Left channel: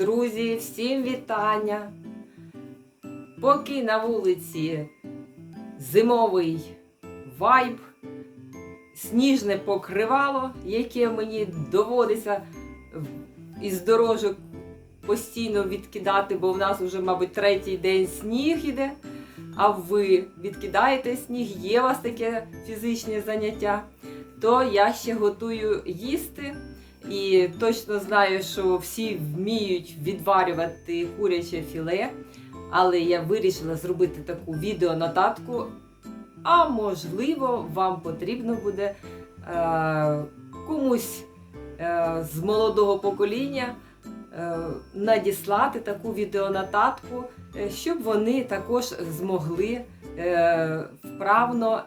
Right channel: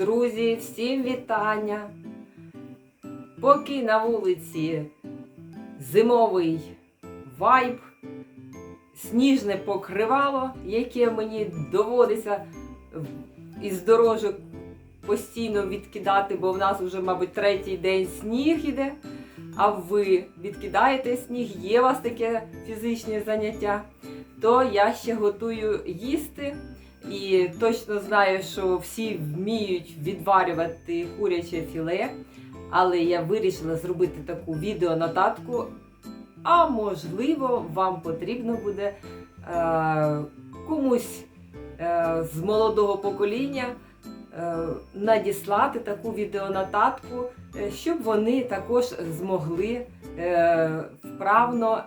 Друзі, всім вітання! Поки на вулиці зимовий вайб, сніжне покривало, яке мені доводиться із дорожок постійно відкидати, бо в нас вже, мабуть, третій день сніг іде. А ви відкидаєте сніг, є у вас таке фізичне заняття, то я ще готую їсти. І точно знаю, що всі вміють відварювати куряче філе, але я вирішила зробити таку відеонотатку. А можливо, вам потрібно буде е, комусь е, з молодого покоління е, надіслати таку відеонотатку, е, щоб вони також змогли е, вправно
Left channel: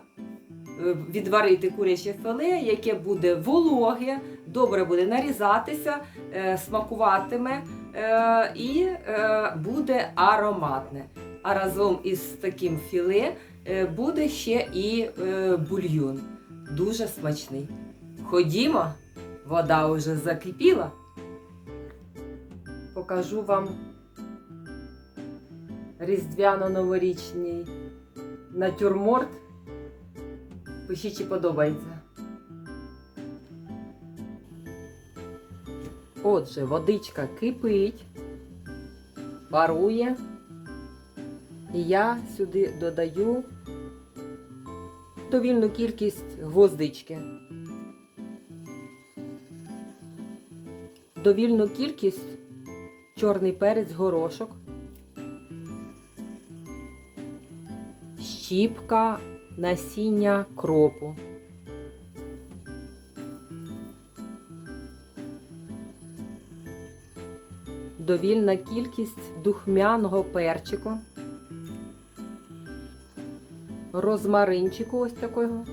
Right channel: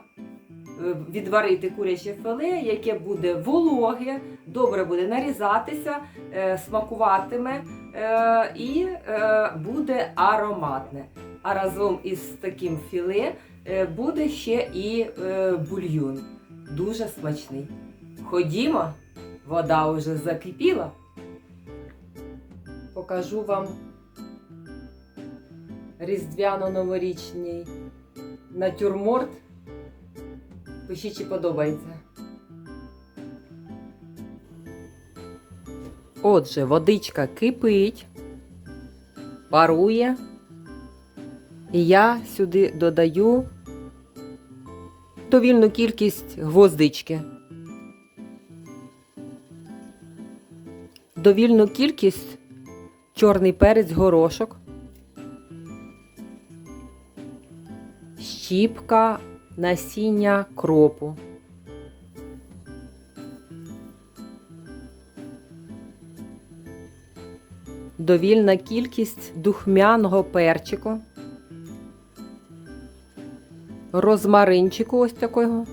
відварити куряче філе, яке буде вологе, добре буде нарізатися, е, смакуватиме е, і е, буде ароматне. А разом із таким філе е, буде ще і е, бульйон. Дуже смачний. Ходімо, вода вже закипіла. Покажу вам різдвяно-новорічний натюрморт. Пишіть, чи подобається. Отже, водичка кипить, парує. І я сюди додаю довільну кількість гвоздички. Довільну кількість чорний перець горошок, щіпка насіння кропу. довільна кількість духмяного перчику, розмаринчику ось такого,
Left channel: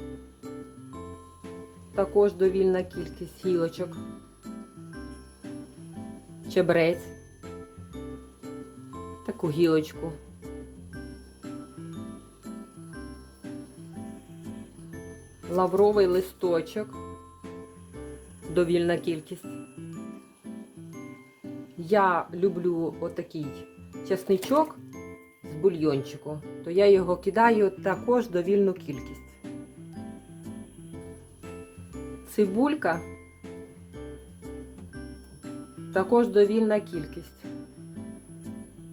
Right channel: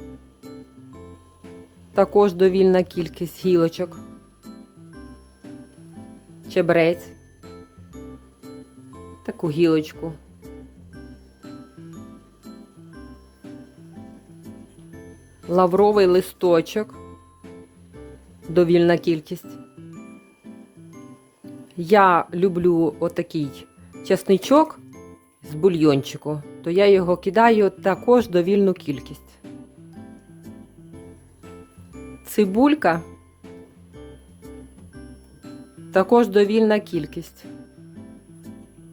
також довільна кількість гілочок, чебрець, таку гілочку. Лавровий листочок, довільна кількість. Я люблю отакий чесничок з бульйончику, то я його кидаю також довільну кількість. Цибулька також довільна кількість.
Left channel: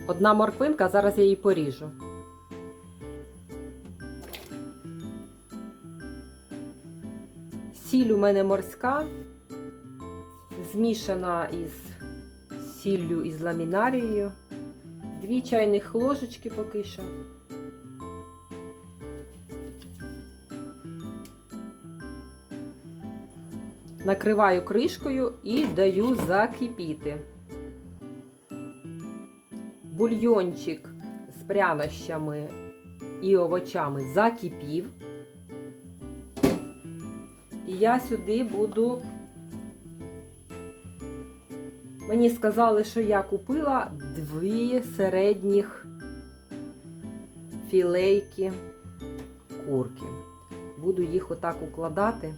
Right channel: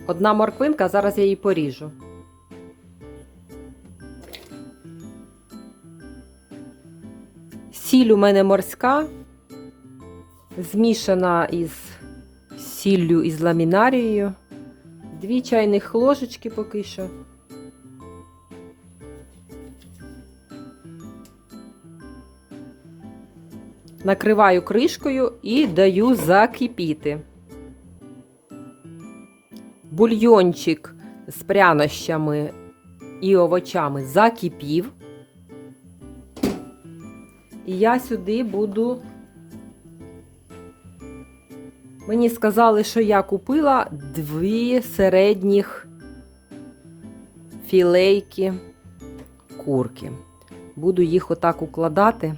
Одна морквинка, зараз я її поріжу. Сіль у мене морська, змішана із сіллю із ламінарією. Дві чайних ложечки поки що. Накриваю кришкою і даю закипіти. Бульйончик з прянощами і овочами закипів. Я сюди буду Мені сказали, що я купила дві середніх філейки курки. Буду їх отак укладати.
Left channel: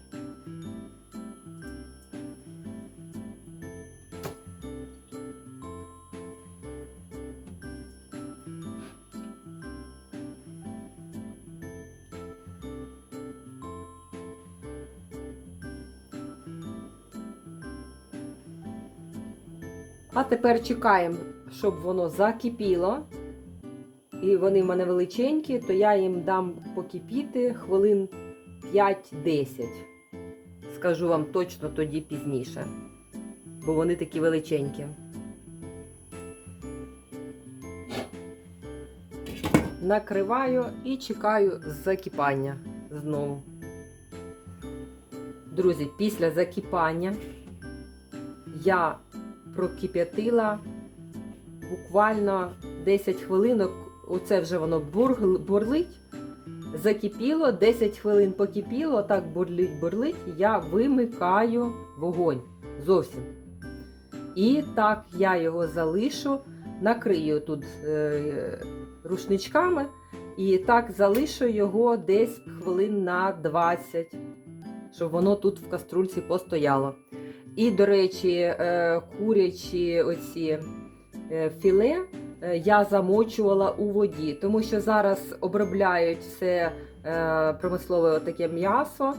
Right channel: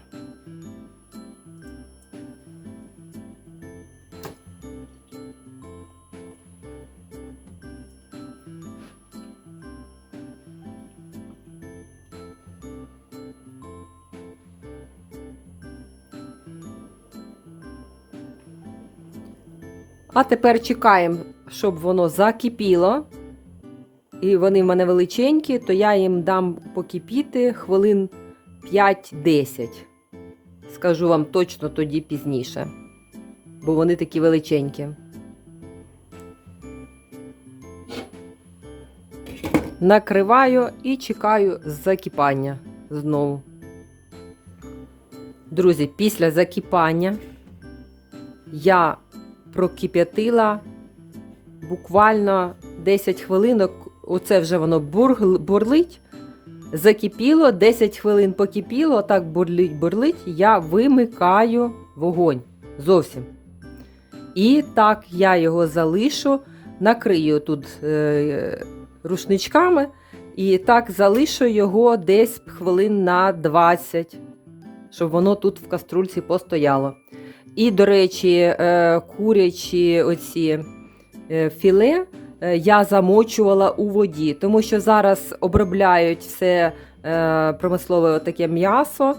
А тепер чекаємо, щоб воно закипіло. І вони в мене величенькі, то я їм дам покипіти хвилин 5-10. Скажу вам точно тоді пізніше. Бо вони такі величенькі. Накриваю і чекаю закипання знову. Друзі, після закипання я прокип'ятила буквально 10 хвилинок. Оце вже воно бурлить. Закипіло, 10 хвилин покипіло, так бурлить, бурлить, я вимикаю вогонь зовсім. І так я його залишу, накрию тут е, рушничками. І так залишу його десь хвилин на 20, щоб воно тут в каструльці постояло. І, до речі, е, курячі оці е, філе е, я замочувала у воді, тому що зараз обробляють все промислове таке м'ясо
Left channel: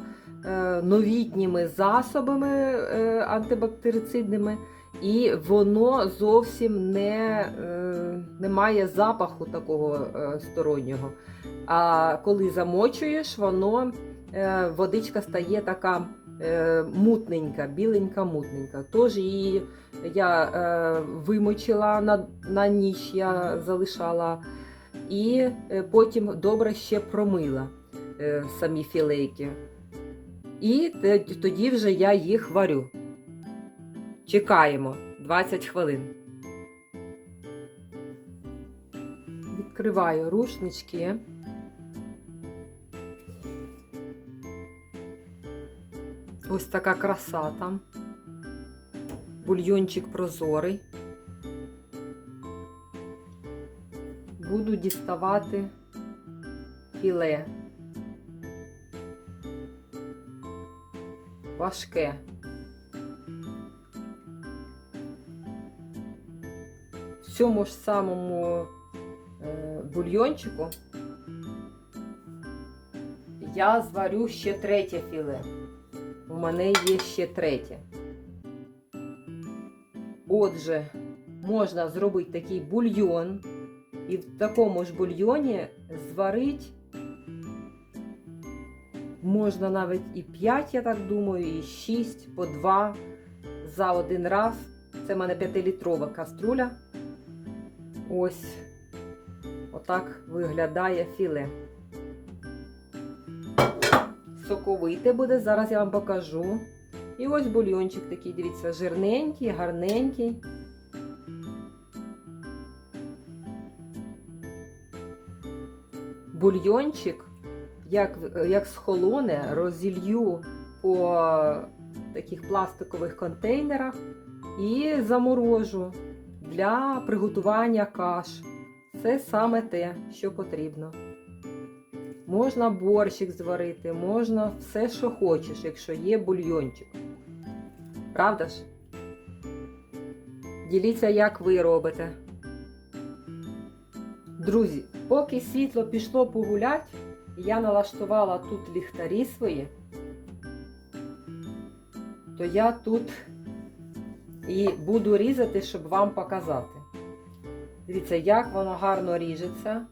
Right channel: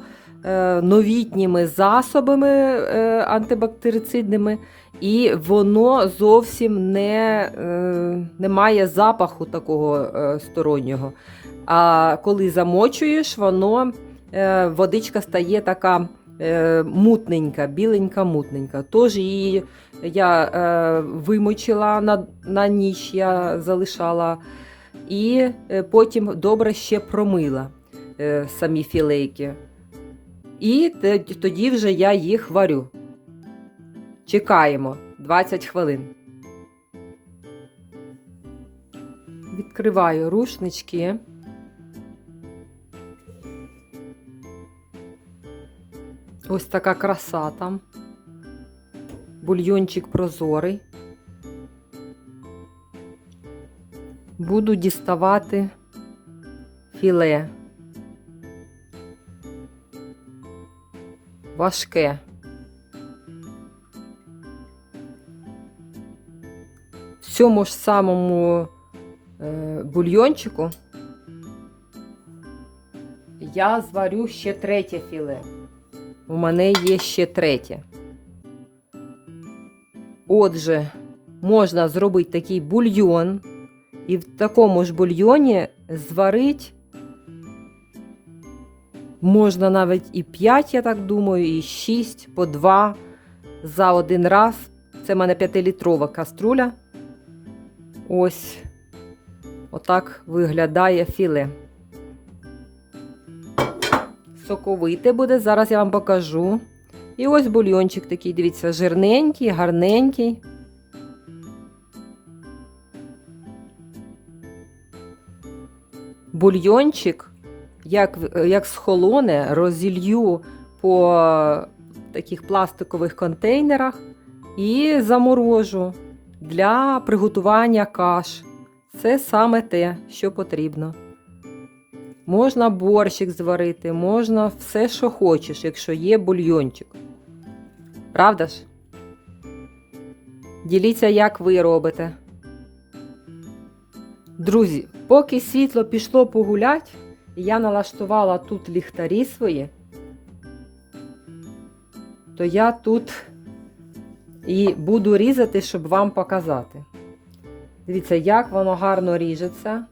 новітніми засобами антибактерицидними, і воно зовсім не, не має запаху такого стороннього. А коли замочуєш, воно водичка стає така мутненька, біленька, мутненька. Тож її я е, вимочила на, на ніч, я залишала, і е, потім добре ще промила е, самі філейки. І тоді вже я їх варю. Чекаємо 20 хвилин. Відкриваю рушнички. Ось така краса там. Бульйончик прозорий. Буду діставати філе. Важке. В цьому ж самому е, бульйончику я зварю ще третє філе. У мене є ще третє. Отже, можна зробити такий бульйон, і в такому ж бульйоні зварити можна навіть і 5, я так думаю, і 6 по 2 за один раз. Це в мене 5-літрова каструля. Ось отак виглядає філе. Соковите буде, зараз я вам покажу. І ось бульйончик такий, дивіться, жирненький, гарненький. Бульйончик, як, як схолоне, розілью по таких пластикових контейнерах і заморожу для приготування каш. Це саме те, що потрібно. Можна борщик зварити, можна все, що хочеш, якщо є бульйончик. Правда ж? Діліться, як ви робите. Друзі, поки світло пішло погулять, я налаштувала тут ліхтарі свої, то я тут і буду різати, щоб вам показати. Дивіться, як воно гарно ріжеться.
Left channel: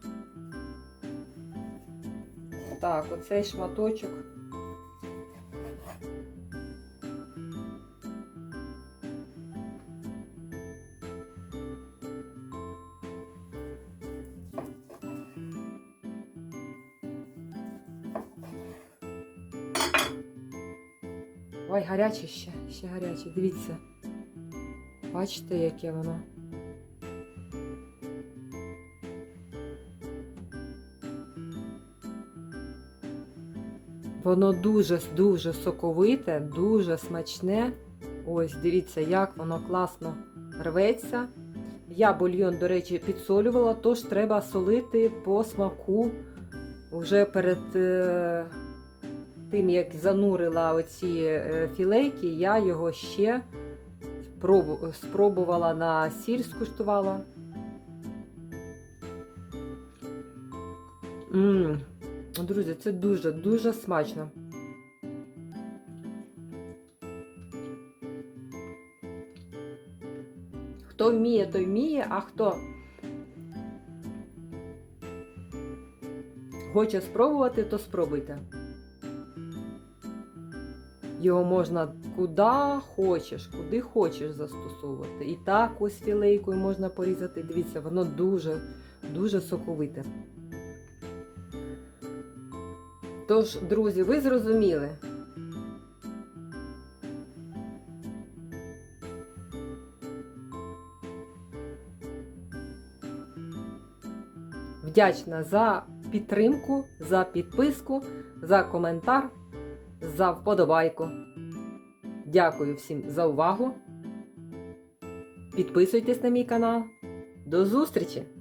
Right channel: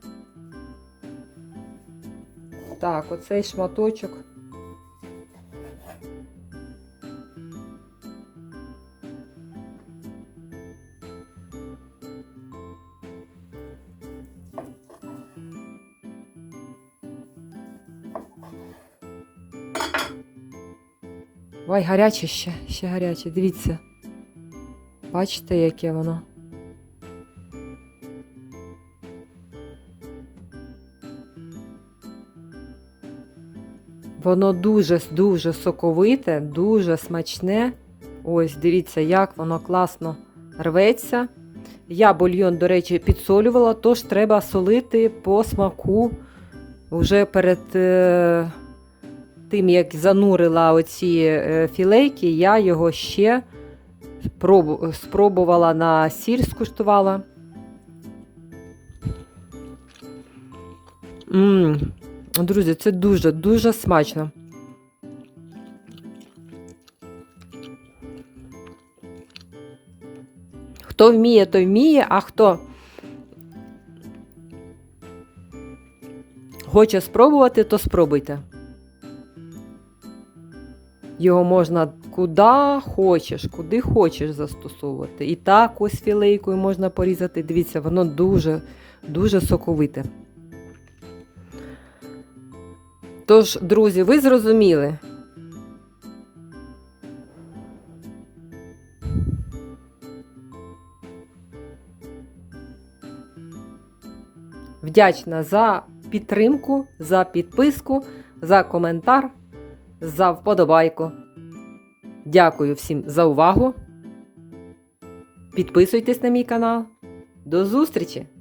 Так, оцей шматочок. Ой, гаряче ще, ще гаряче, дивіться. Бачите, яке воно? Воно дуже-дуже соковите, дуже смачне. Ось, дивіться, як воно класно рветься. Я бульйон, до речі, підсолювала, тож треба солити по смаку вже перед е, тим, як занурила оці е, філейки, я його ще спробувала на сіль, скуштувала. М, Друзі, це дуже-дуже смачно. Хто вміє, той вміє, а хто хоче спробувати, то спробуйте. Його можна куди хочеш, куди хочеш застосовувати. І так ось філейкою можна порізати. Дивіться, воно дуже, дуже соковите. Тож, друзі, ви зрозуміли. Вдячна за підтримку, за підписку, за коментар, за вподобайку. Дякую всім за увагу. Підписуйтесь на мій канал. До зустрічі!